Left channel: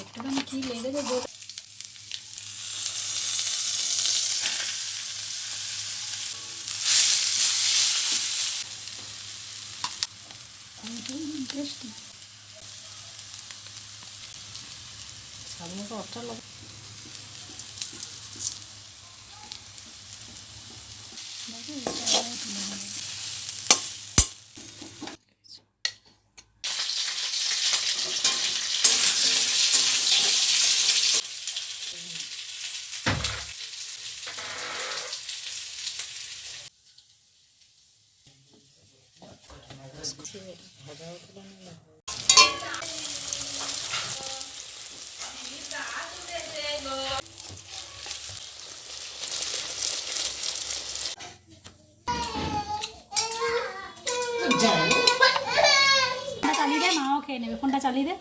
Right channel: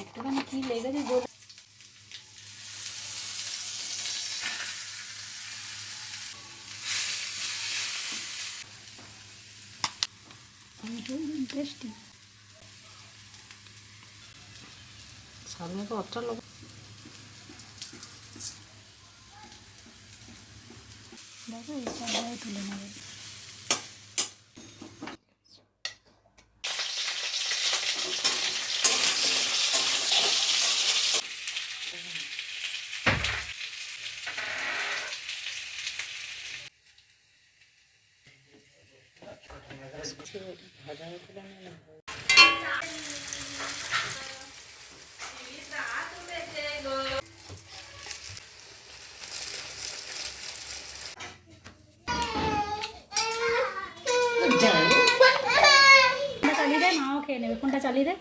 একটুখানি কি লেগেছে জল টেস্টি সামনে তো অতটা লোক দেখো এটা আবার তুলে ফোনটা চালিয়ে দে মাও খেয়ে নেবে। ফোনটা চালিয়ে দে।